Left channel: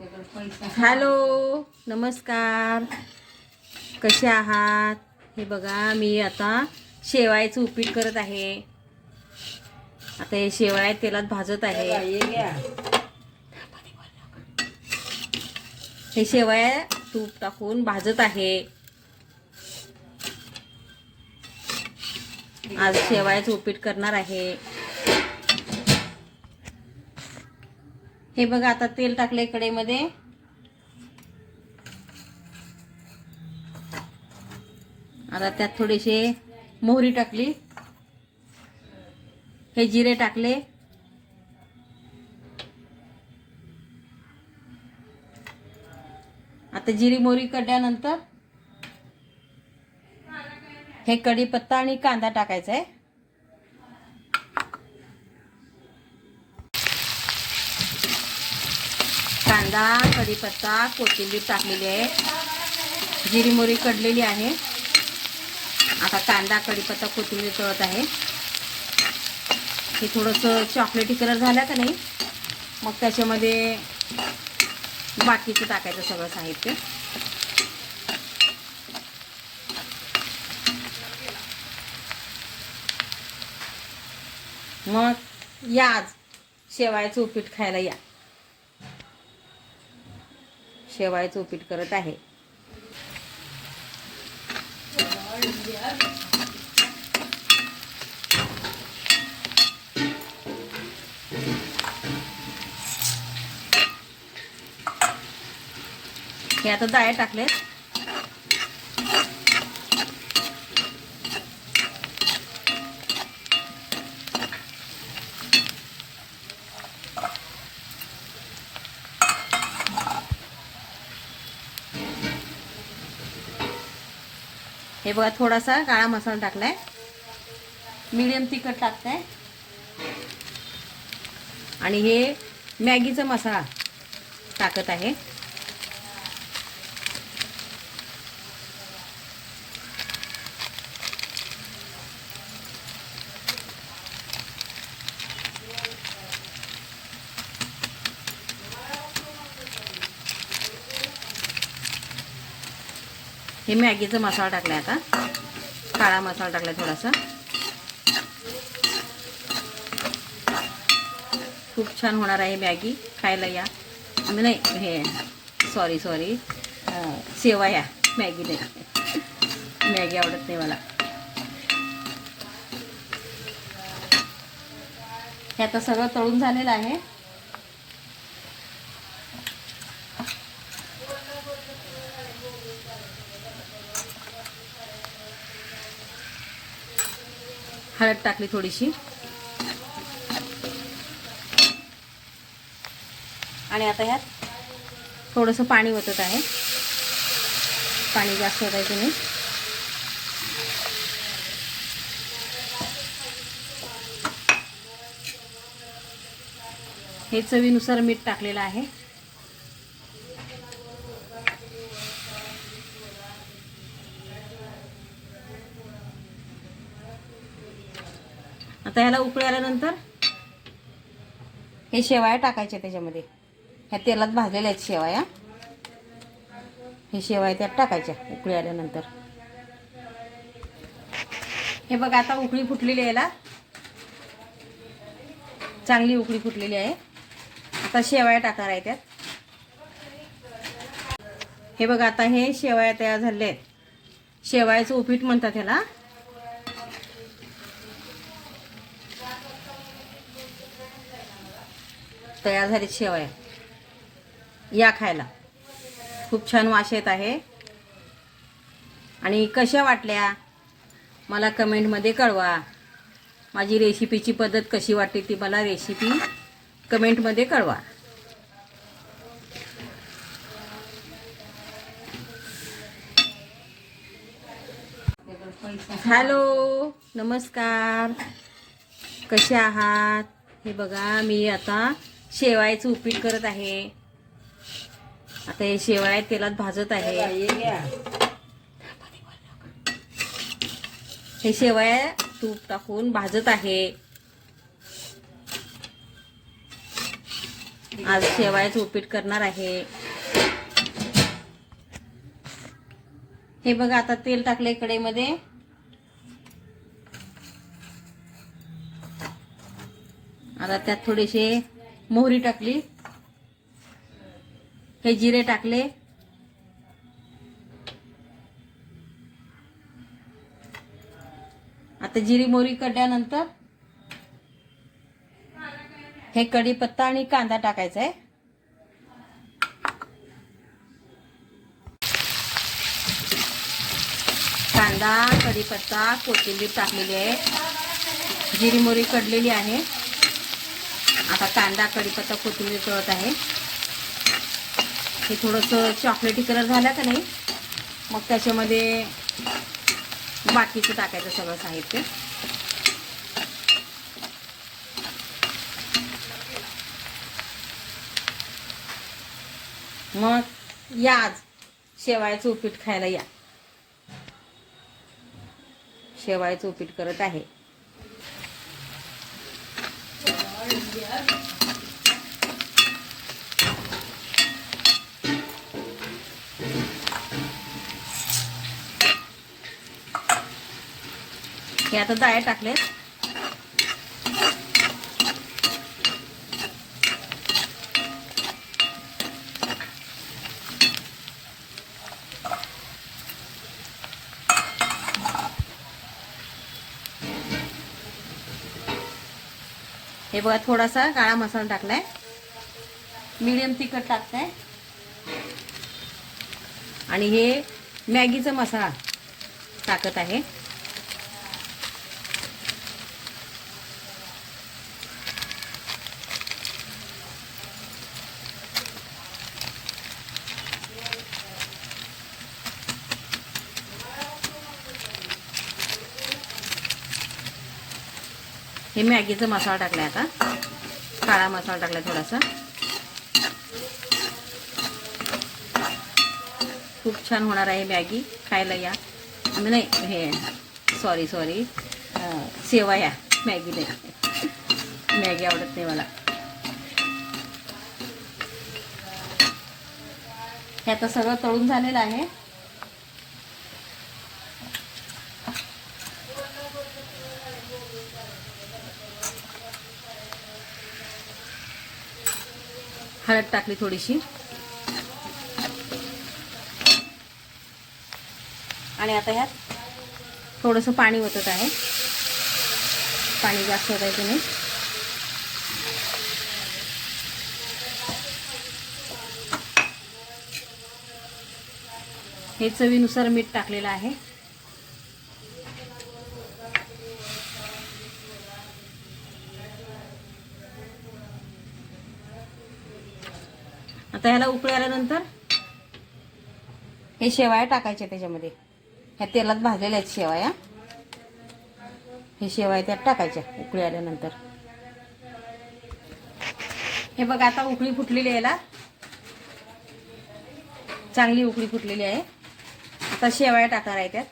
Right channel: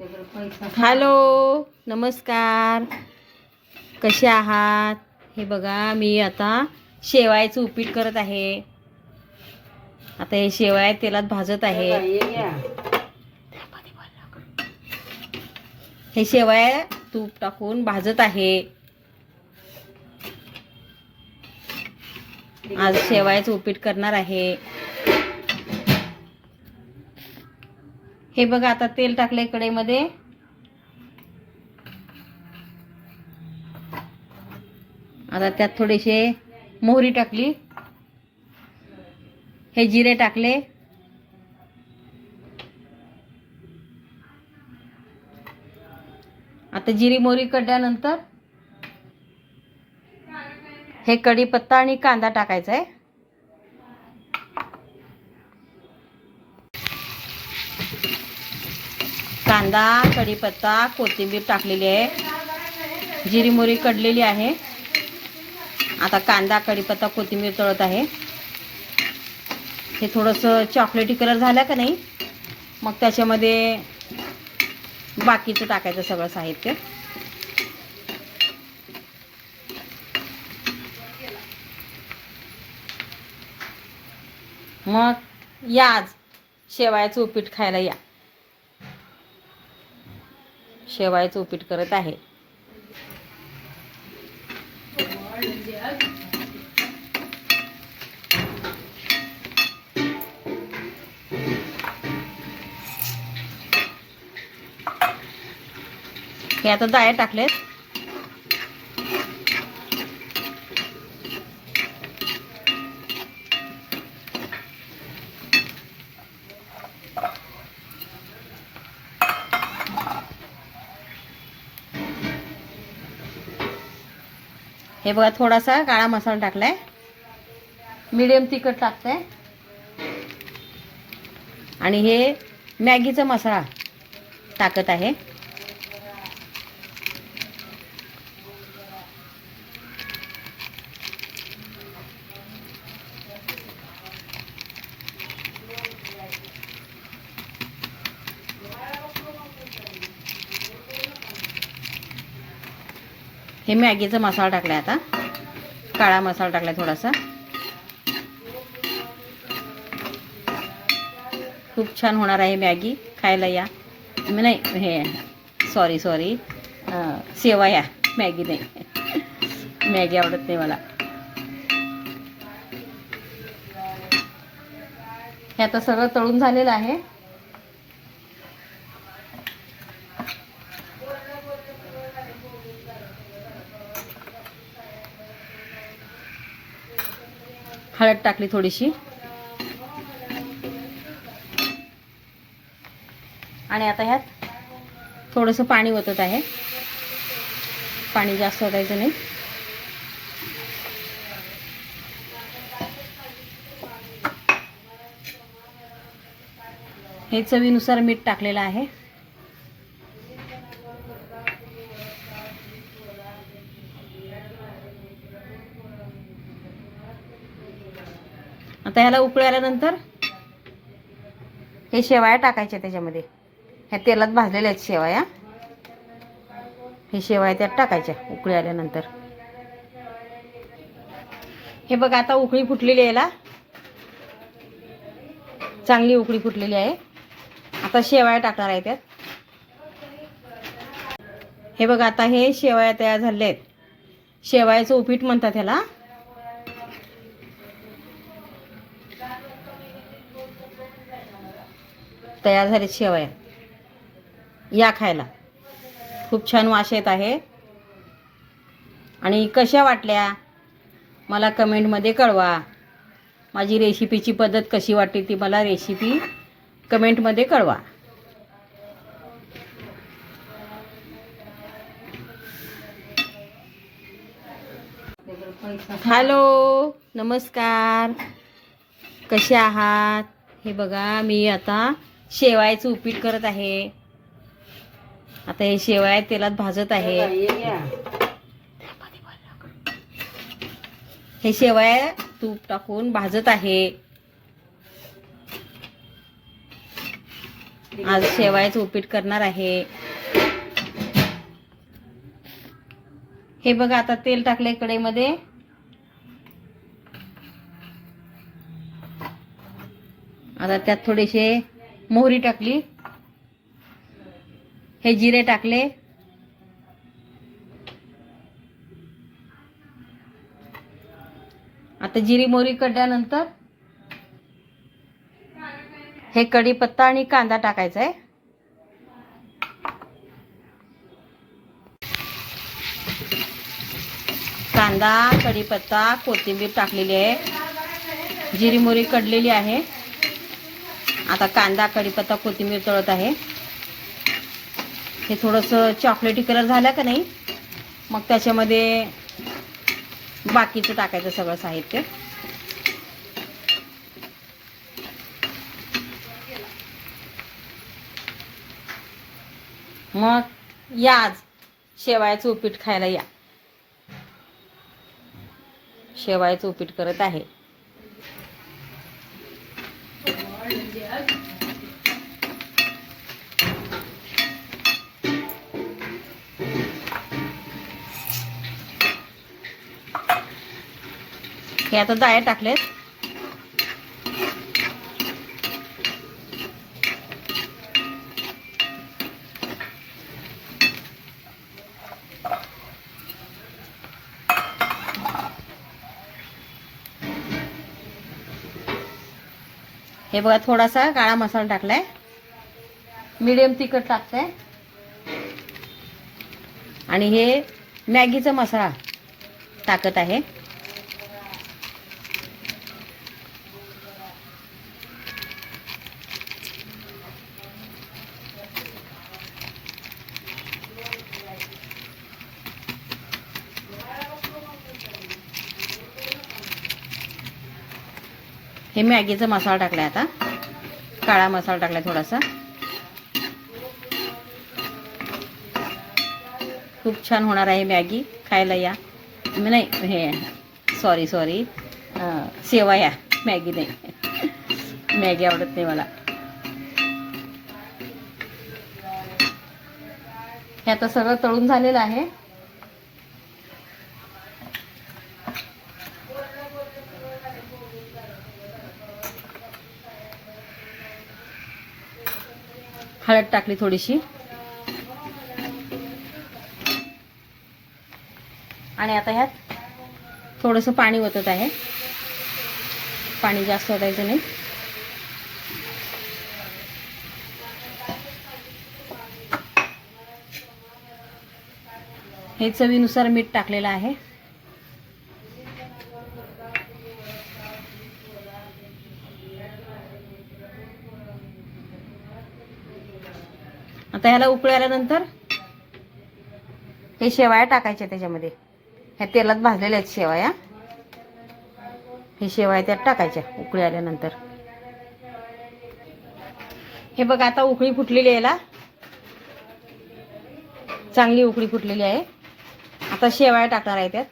Hello, नमस्कार. कसे आहात? हे बघा, मी आता शेवाळ्याचं उपीट करत आहे. आता हे शेवाळ्या तेलात भाजत आहे. हे शेवाळ्या तूप टाकून भाजत आहे. आज शेवाळ्याचं उपीट करणार आहे. हे बघा, आता तेल टाकले कढईमध्ये. आता त्यात थोडेसे मोहरी टाकली. हे जिरे टाकले. आता जिरी मोहरी कडल्यानंतर हे कढीपत्ता आणि कांदा टाकायचा आहे. कांदा, कढीपत्ता, कोथिंबीर टाकलेली आहे. जिरी मोहरी कडलेली आहे. आता कांदा, कढीपत्ता, कोथिंबीर तळत आहे. हे थोडंसं चॉकलेटी कलर झाला का नाही, मग त्याच्यामध्ये बाकीचं टाकायचं सगळं साहित्य. मग या आज शेवाळ्याचं उपीट खायला या. शेवाळ्याचं उपीट करत आहे. हे आता डाळ टाकलेत. हे बघा, थोडासा काळा मसाला टाकलाय. मीडियम तिखट टाकताय. आणि हे मॅगीचा मसाला टाकत आहे. हे मॅगीचा मसाला टाकलाय. आता काळा मसाला टाकलाय थोडासा. खूप छान होणार आहे मॅगी. खायला या. नाही, हे सॉरी शेवया, मॅगी नाही. मॅगी आवडत नाही मला. हे आता सगळं तळून झालेलं आहे. हळद टाकली थोडीशी. आणि आता ह्यात थोडंसं पाणी ओतत आहे. पाणी जास्त ओतायचं नाही. हे चवीनुसार मीठ टाकलेलं आहे. आता ह्याला उकळी आल्यानंतर हे शेवाया टाकायच्या त्याच्यामध्ये. ह्या तेलात भाजलेल्या आहेत शेवाया. हे शेवाया त्यात टाकायच्या उकळी आल्यानंतर. हे बघा, आता उकळी फुटलेली आहे. याला चांगली उकळी फुटलेली आहे. आता शेवाया टाकणार आहे त्यात. हे बघा, आता हे शेवाया तयार झाले आहेत. शेवायाचं उपीट म्हणतात ह्याला. तयार झाले शेवया. या खायला. खूप छान वास येत आहे. आणि कशा वाटल्या मला कमेंटमध्ये कळवा. माझी रेसिपीची पद्धत कशी वाटते ती मला रेसिपी कमेंटमध्ये कळवा. हॅलो, नमस्कार. कसे आहात? हे बघा, मी आता शेवाळ्याचं उपीट करत आहे. आता हे शेवाळ्या तेलात भाजत आहे. हे शेवाळ्या तूप टाकून भाजत आहे. आज शेवाळ्याचं उपीट करणार आहे. हे बघा, आता तेल टाकले कढईमध्ये. आता त्यात थोडेसे मोहरी टाकली, हे जिरे टाकले, आता जिरी मोहरी कडल्यानंतर हे कढीपत्ता आणि कांदा टाकायचा आहे. कांदा, कढीपत्ता, कोथिंबीर टाकलेली आहे, जिरी मोहरी कडलेली आहे. आता कांदा, कढीपत्ता, कोथिंबीर तळत आहे. हे थोडंसं चॉकलेटी कलर झाला का नाही, मग त्याच्यामध्ये बाकीचं टाकायचं सगळं साहित्य. मग या आज शेवाळ्याचं उपीट खायला या. शेवाळ्याचं उपीट करत आहे. हे आता डाळ टाकलेत. हे बघा, थोडासा काळा मसाला टाकलाय, मीडियम तिखट टाकताय, आणि हे मॅगीचा मसाला टाकत आहे. हे मॅगीचा मसाला टाकलाय, आता काळा मसाला टाकलाय थोडासा. खूप छान होणार आहे मॅगी, खायला या. नाही, हे सॉरी शेवया, मॅगी नाही, मॅगी आवडत नाही मला. हे आता सगळं तळून झालेलं आहे. हळद टाकली थोडीशी, आणि आता ह्यात थोडंसं पाणी ओतत आहे. पाणी जास्त ओतायचं नाही. हे चवीनुसार मीठ टाकलेलं आहे. आता ह्याला उकळी आल्यानंतर हे शेवाया टाकायच्या त्याच्यामध्ये. ह्या तेलात भाजलेल्या आहेत शेवाया, हे शेवाया त्यात टाकायच्या उकळी आल्यानंतर. हे बघा, आता उकळी फुटलेली आहे, चांगली उकळी फुटलेली आहे. आता शेवाया टाकणार आहे त्यात.